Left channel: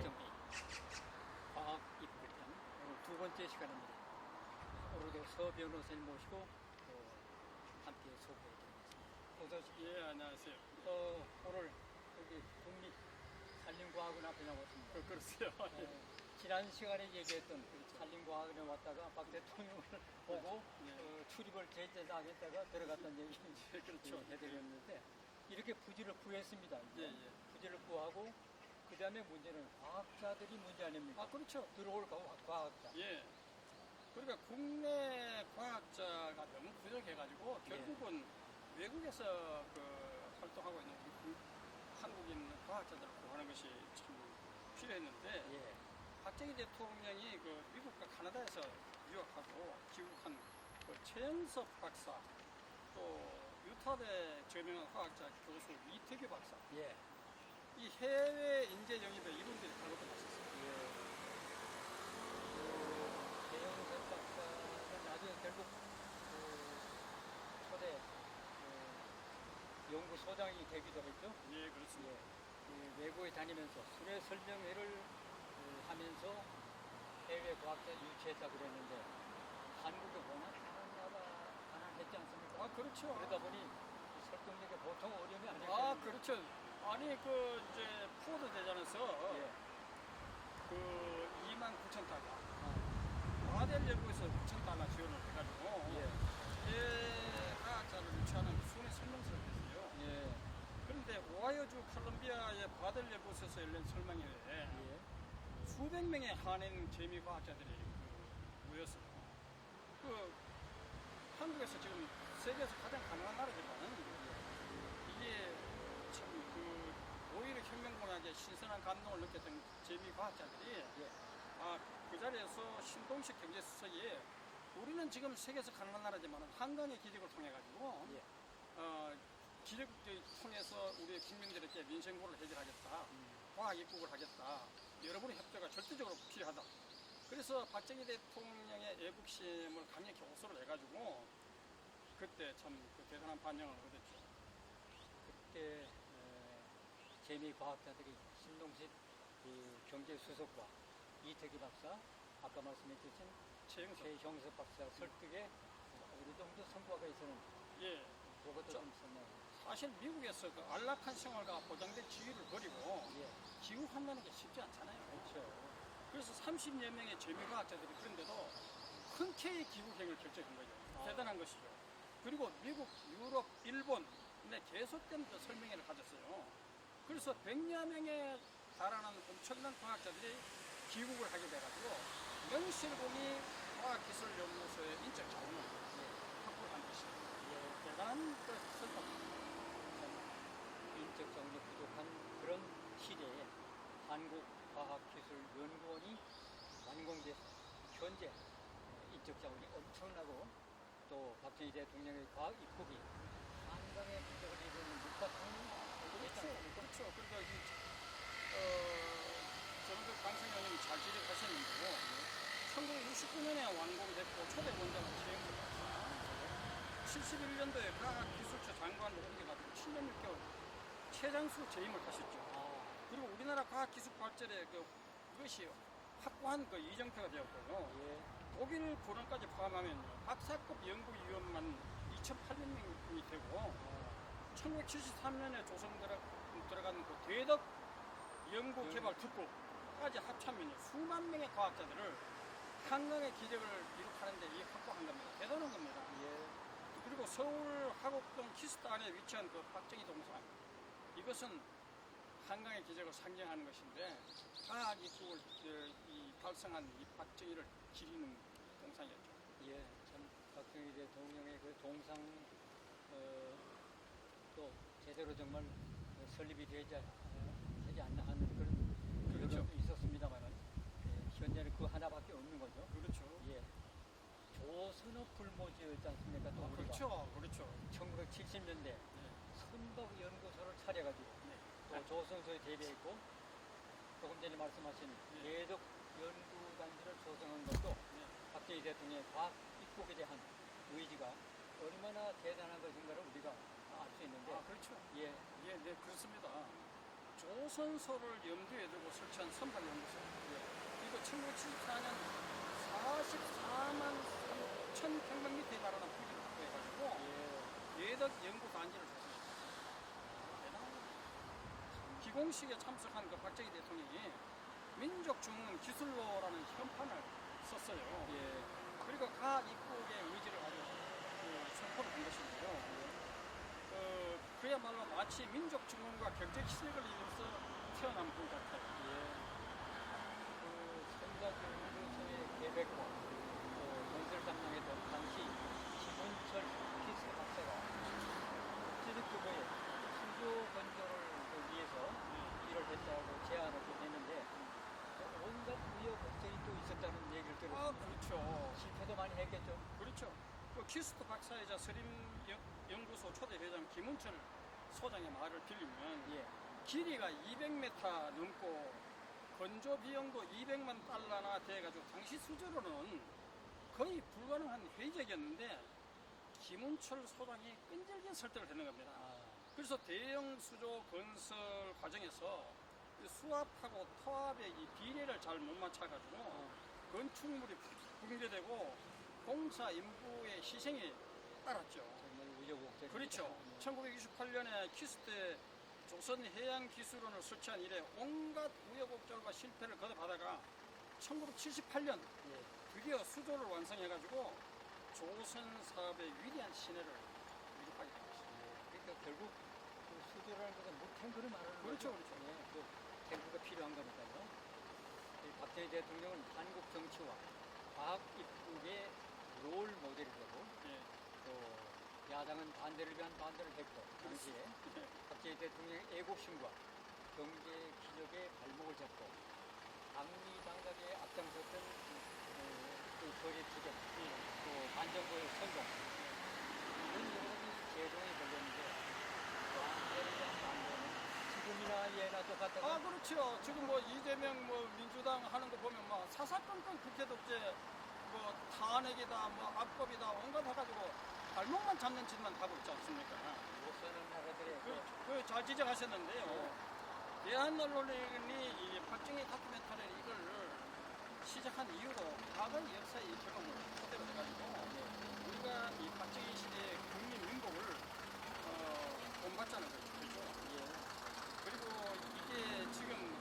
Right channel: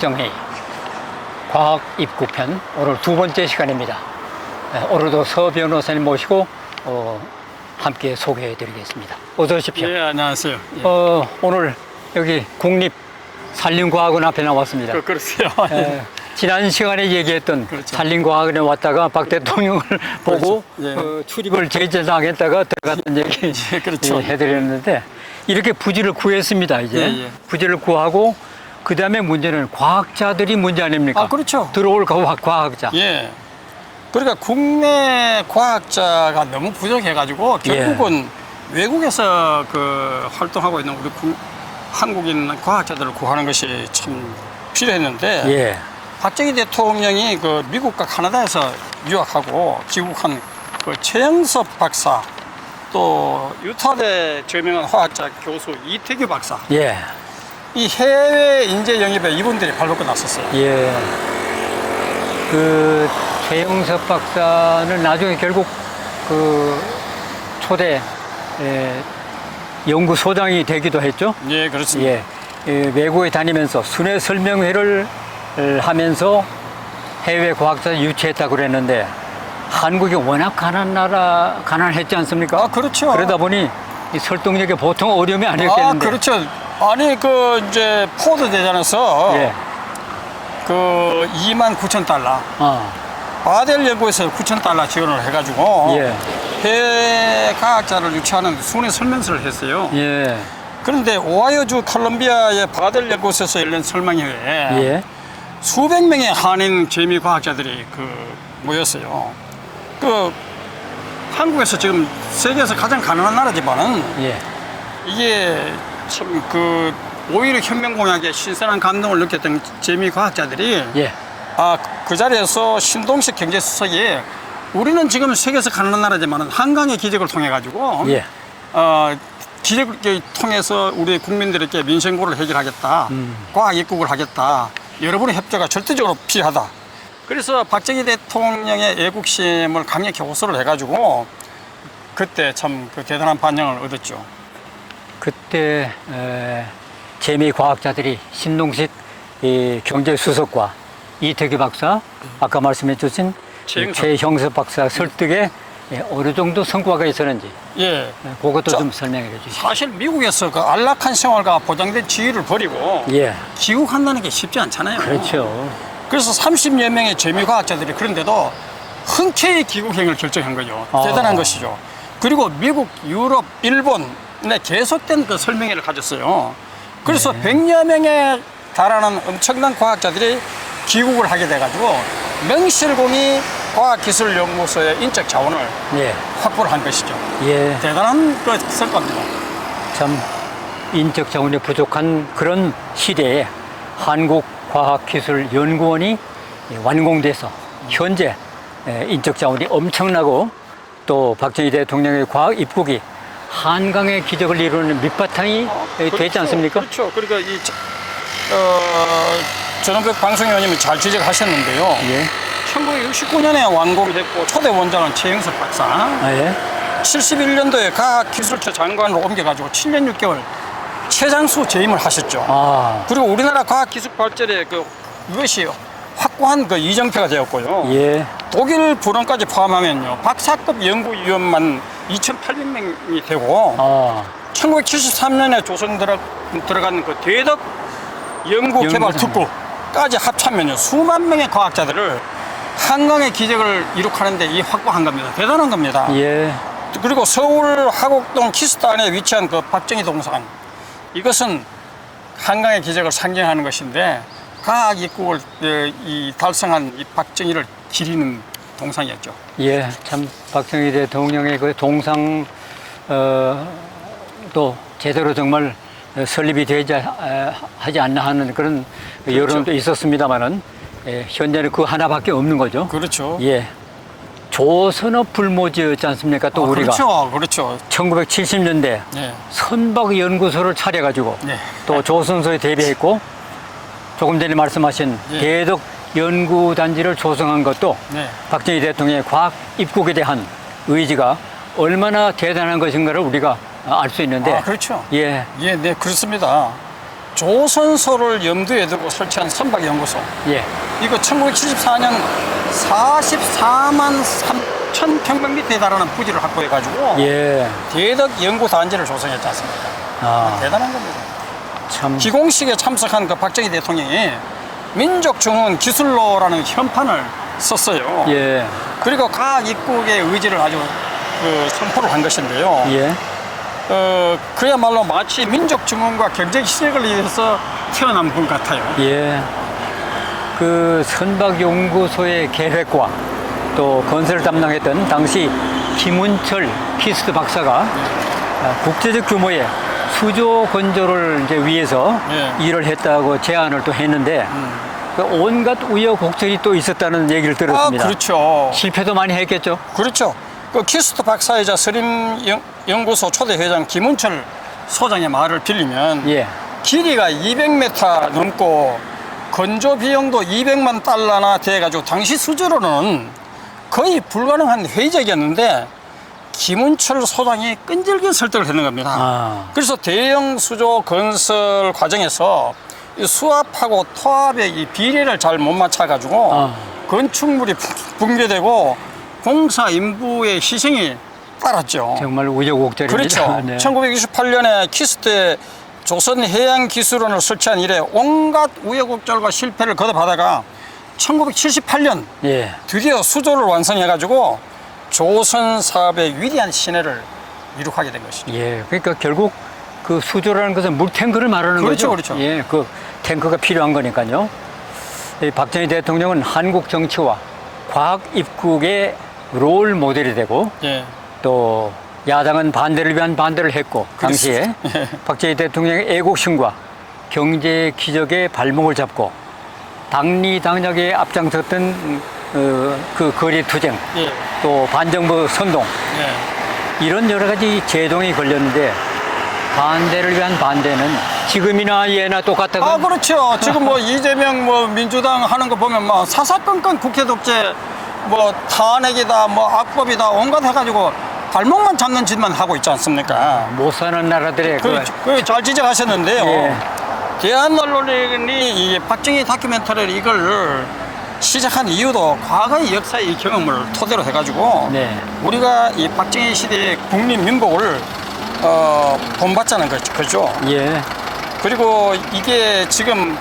국정회의 과학 입구편 오늘 두 번째 시간입니다. 오늘도 서 변호사님 모시고 함께 소개해 드리겠습니다. 어서 오십시오. 예, 안녕하세요. 예. 오늘 여기 국립산림과학원 앞에 나왔습니다. 그렇어요. 지난 시간에 얘기했던 그렇죠. 산림과학원에 왔다가 박 대통령을 보고 예. 출입을 제재당했다가 들어갔던 얘기 예, 그렇죠. 해드렸는데 이렇게 부지를 구했습니다. 이제 예, 예. 부지를 구하고 그 다음에 문제는 과학자들이 문제 아닙니까? 아, 그렇죠. 들어올 과학자. 예. 그러니까 국내 과학자가 너무 부족해가지고 결국은 외국에서 활동하고 있는 우리 한국인 과학자들을 구하는 것이 참 필요했는데 예. 박정희 대통령이 미국과 카나다에서 유학하고 귀국한 최영섭 박사 또 유타대 저명한 화학자 교수 이태규 박사 예. 이 해외 인재 영입에 이분들이 발벗고 났었어요. 예. 최영섭 박사는 나중에 결국 초대 연구소장이 되기도 했죠. 예, 그렇습니다. 예. 외국에 다니면서 순회 설명회를 하면서 해외 과학자 유치했다고 그랬는데 한국이 워낙 가난했지 않습니까? 아, 그렇죠. 그러다 보니 이 설득력에 보통 어려움이 아니었겠는데. 아, 그렇죠. 아니 이제 포드 대전에서 예. 29,000달러 바델 연구에서 9,000달러 지원을 해가지고 예. 해외 과학자를 유치하는 순회 설명서를 했어요. 예. 그런데 오하이오주 컬럼비아의 바델 연구소에서 열린 설명회에 예. 수백 명의 한인 재미 과학자들이 모였어요. 한국에서 지금 세계에서 가장 가난한 나라지만은 예. 이게 참 오히려 혁명공약에 신선한 감동을 느꼈던 재미 과학자들이 예. 그 자리에서 신동식 경제수석이 우리는 지금 세계에서 가난한 나라지만은 한강의 기적을 통해 가지고 예. 기적을 통해서 우리 국민들에게 민생고를 해결하겠다. 과학 입국을 하겠다. 여러분의 협조가 절대적으로 필요하다. 그래서 박정희 대통령의 애국심을 강력히 호소를 해가지고 그때 참 대단한 반영을 얻었죠. 그때 재미 과학자들이 신동식 경제수석과 이태규 박사, 아까 말씀해 주신 최형섭 박사 설득에 어느 정도 성과가 있었는지 예. 그것도 좀 설명해 주시죠. 사실 미국에서 안락한 생활과 보장된 지위를 버리고 예. 귀국한다는 게 쉽지 않잖아요. 그렇죠. 그래서 30여 명의 재미과학자들이 그런데도 흔쾌히 귀국행을 결정한 거죠. 대단한 것이죠. 그리고 미국, 유럽, 일본에 계속된 설명회를 가졌어요. 그래서 100여 명에 달하는 엄청난 과학자들이 귀국을 하게 돼가지고 명실공히 과학기술연구소의 인적 자원을 예. 확보를 한 것이죠. 예. 대단한 성과입니다. 참 인적 자원이 부족한 그런 시대에 한국과학기술연구원이 완공돼서 현재 인적 자원이 엄청나고 또 박정희 대통령의 과학 입국이 한강의 기적을 이루는 밑바탕이 되지 않습니까? 그렇죠. 그러니까 전원백 방송위원님이 잘 지적하셨는데요. 예. 1969년에 완공이 됐고 초대 원장은 최영석 박사. 예. 71년도에 과학기술처 장관으로 옮겨가지고 7년 6개월 최장수 재임을 하셨죠. 그리고 우리나라 과학기술 발전에 이것이 확고한 이정표가 되었고요. 예. 독일 불원까지 포함하면요. 박사급 연구위원만 2,800명이 되고 1973년에 조성 들어간 대덕 연구개발 특구까지 합치면요. 수만 명의 과학자들을 한강의 기적을 이룩하는데 확보한 겁니다. 대단한 겁니다. 예. 그리고 서울 화곡동 키스단에 위치한 박정희 동상 이것은 한강의 기적을 상징하는 것인데 과학 입국을 달성한 이 박정희를 기리는 동상이었죠. 예, 참 박정희 대통령의 동상 또 제대로 정말 설립이 되지 하지 않나 하는 그런 그렇죠. 여론도 있었습니다만은 현재는 그 하나밖에 없는 거죠. 그렇죠. 예. 조선업 불모지였지 않습니까? 또 우리가 그렇죠. 1970년대 네. 선박 연구소를 차려가지고 네. 또 조선소에 대비했고 조금 전에 말씀하신 대덕 연구단지를 조성한 것도 박정희 대통령의 과학 입국에 대한 의지가 얼마나 대단한 것인가를 우리가 알 수 있는데. 그렇죠. 예. 예, 네, 그렇습니다. 조선소를 염두에 두고 설치한 선박연구소. 예. 이거 1974년 44만 3천 평방미터에 달하는 부지를 확보해가지고 예. 대덕 연구단지를 조성했지 않습니까? 아, 대단한 겁니다. 참. 기공식에 참석한 그 박정희 대통령이 민족중흥 기술로라는 현판을 썼어요. 예. 그리고 과학 입국의 의지를 아주 선포를 한 것인데요. 예. 그야말로 마치 민족 증흥과 경제 희생을 위해서 태어난 분 같아요. 예. 그 선박연구소의 계획과 또 건설을 담당했던 당시 김운철 키스트 박사가 국제적 규모의 수조 건조를 이제 위해서 예. 일을 했다고 제안을 또 했는데 그 온갖 우여곡절이 또 있었다는 얘기를 들었습니다. 그렇죠. 실패도 많이 했겠죠. 그렇죠. 그 키스트 박사이자 서림연구소 초대 회장 김운철 소장의 말을 빌리면 예. 길이가 200m 넘고 건조 비용도 200만 달러나 돼가지고 당시 수주로는 거의 불가능한 회의적이었는데 김운철 소장이 끈질긴 설득을 했는 겁니다. 아. 그래서 대형 수조 건설 과정에서 이 수압하고 토압의 이 비례를 잘 못 맞춰가지고 아. 건축물이 붕괴되고 공사 인부의 희생이 따랐죠. 정말 우여곡절입니다. 그렇죠. 네. 1968년에 키스트에 조선해양기술원을 설치한 이래 온갖 우여곡절과 실패를 거듭하다가 1978년 예. 드디어 수조를 완성해가지고 조선 사업의 위대한 신해를 이룩하게 된 것이죠. 예. 그러니까 결국 그 수조라는 것은 물탱크를 말하는 그렇죠, 거죠. 그렇죠. 예. 그 탱크가 필요한 거니까요. 이 박정희 대통령은 한국 정치와 과학 입국의 롤 모델이 되고 예. 또 야당은 반대를 위한 반대를 했고 당시에 예. 박정희 대통령의 애국심과 경제 기적의 발목을 잡고 당리당략에 앞장섰던 그 거리 투쟁 예. 또 반정부 선동 예. 이런 여러 가지 제동이 걸렸는데 반대를 위한 반대는 지금이나 예나 똑같다고. 그렇죠. 지금 뭐 이재명 뭐 민주당 하는 거 보면 뭐 사사건건 국회 독재 뭐 탄핵이다 뭐 악법이다 온갖 해가지고 발목만 잡는 짓만 하고 있지 않습니까? 못 사는 나라들의 잘 지적하셨는데요. 예. 대한 언론이 이 박정희 다큐멘터리를 이걸 시작한 이유도 과거의 역사의 이 경험을 토대로 해가지고 네. 우리가 이 박정희 시대의 국민 민복을 본받자는 거죠. 예. 그리고 이게 지금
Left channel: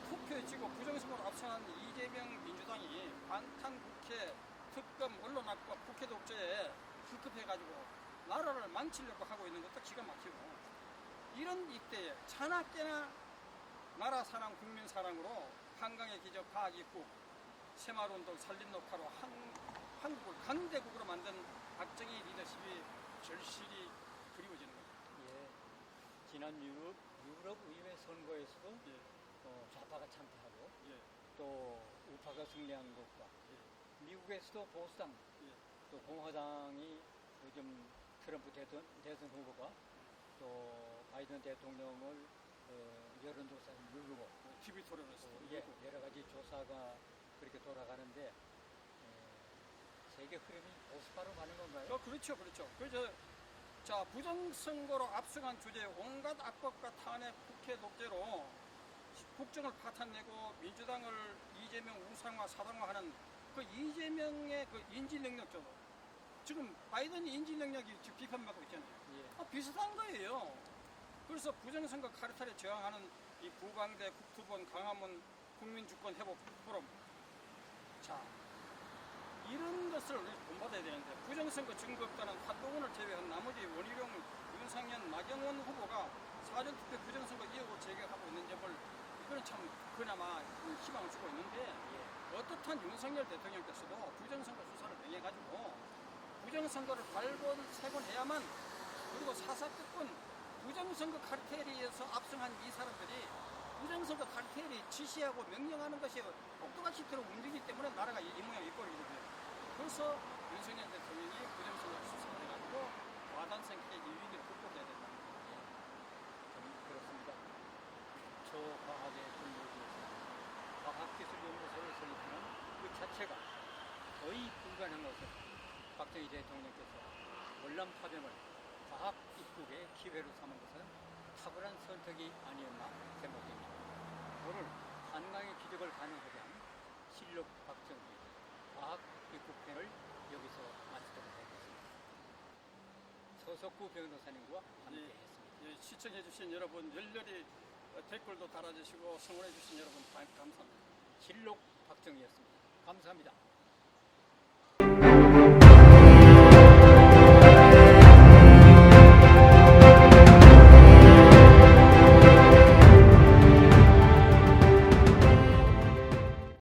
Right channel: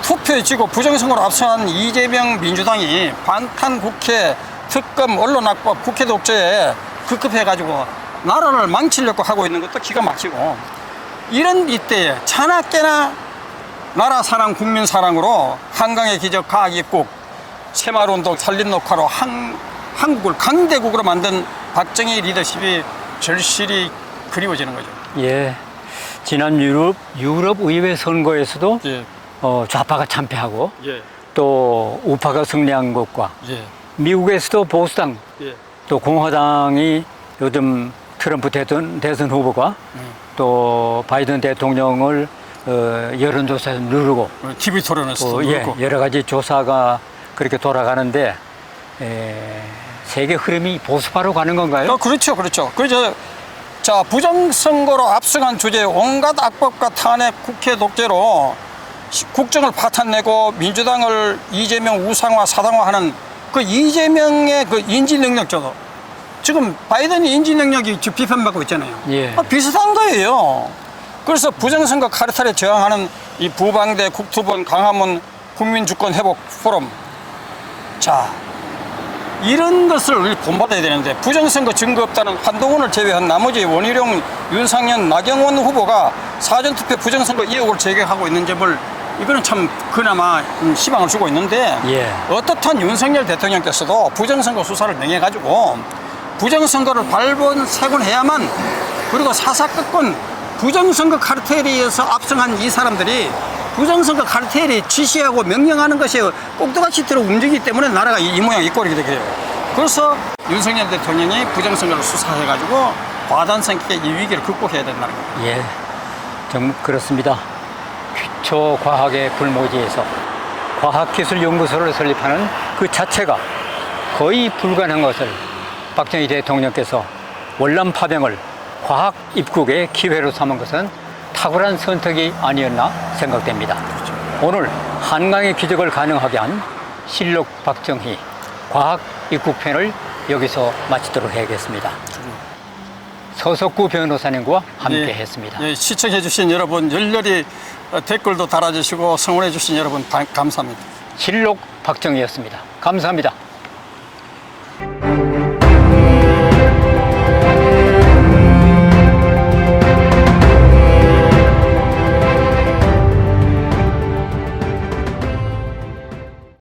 투표에 지고 부정선거로 압승한 이재명 민주당이 방탄 국회, 특검, 언론악법, 국회 독재에 급급해가지고 나라를 망치려고 하고 있는 것도 기가 막히고 이런 이때에 차나깨나 나라 사랑, 국민 사랑으로 한강의 기적, 과학 입국, 새마을운동, 산림녹화로 한국을 강대국으로 만든 박정희 리더십이 절실히 그리워지는 거죠. 예. 지난 유럽 의회 선거에서도 예, 좌파가 참패하고 예, 또 우파가 승리한 것과 예, 미국에서도 보수당 예. 또 공화당이 요즘 트럼프 대선 후보가 또 바이든 대통령을 여론조사에서 누르고 TV 토론에서도 예, 그렇고. 여러 가지 조사가 그렇게 돌아가는데 세계 흐름이 보수파로 가는 건가요? 그렇죠, 그렇죠. 그래서 자 부정선거로 압승한 주제에 온갖 악법과 탄핵, 국회 독재로 국정을 파탄내고 민주당을 이재명 우상화, 사당화하는 그 이재명의 그 인지 능력조도 지금 바이든이 인지 능력이 지금 비판받고 있잖아요. 예. 비슷한 거예요. 그래서 부정선거 카르텔에 저항하는 이 부방대, 국토본, 강화문 국민주권 회복 포럼. 자, 이런 것을 우리 본받아야 되는데 부정선거 증거 없다는 한동훈을 제외한 나머지 원희룡, 윤상현, 나경원 후보가 사전투표 부정선거 의혹을 제기하고 있는 점을 이거는 참 그나마 희망을 주고 있는데 예. 어떻든 윤석열 대통령께서도 부정선거 수사를 명해가지고 부정선거를 발본색원해야만 그리고 사사건건 부정선거 카르텔에 의해서 압승한 이 사람들이 부정선거 카르텔이 지시하고 명령하는 것이 꼭두가시대로 움직이기 때문에 나라가 이 모양 이 꼴이 되게 돼요. 그래서 윤석열 대통령이 부정선거를 수사해가지고 과단성 있게 이 위기를 극복해야 된다는 겁니다. 예, 좀 그렇습니다. 기초과학의 불모지에서 과학기술연구소를 설립하는 그 자체가 거의 불가능한 것을 박정희 대통령께서 월남 파병을 과학 입국의 기회로 삼은 것은 탁월한 선택이 아니었나 생각됩니다. 오늘 한강의 기적을 가능하게 한 실록 박정희 과학 입국편을 여기서 마치도록 해야겠습니다. 서석구 변호사님과 함께 예, 했습니다. 예, 시청해주신 여러분 열렬히 댓글도 달아주시고 성원해주신 여러분 감사합니다. 실록 박정희였습니다. 감사합니다.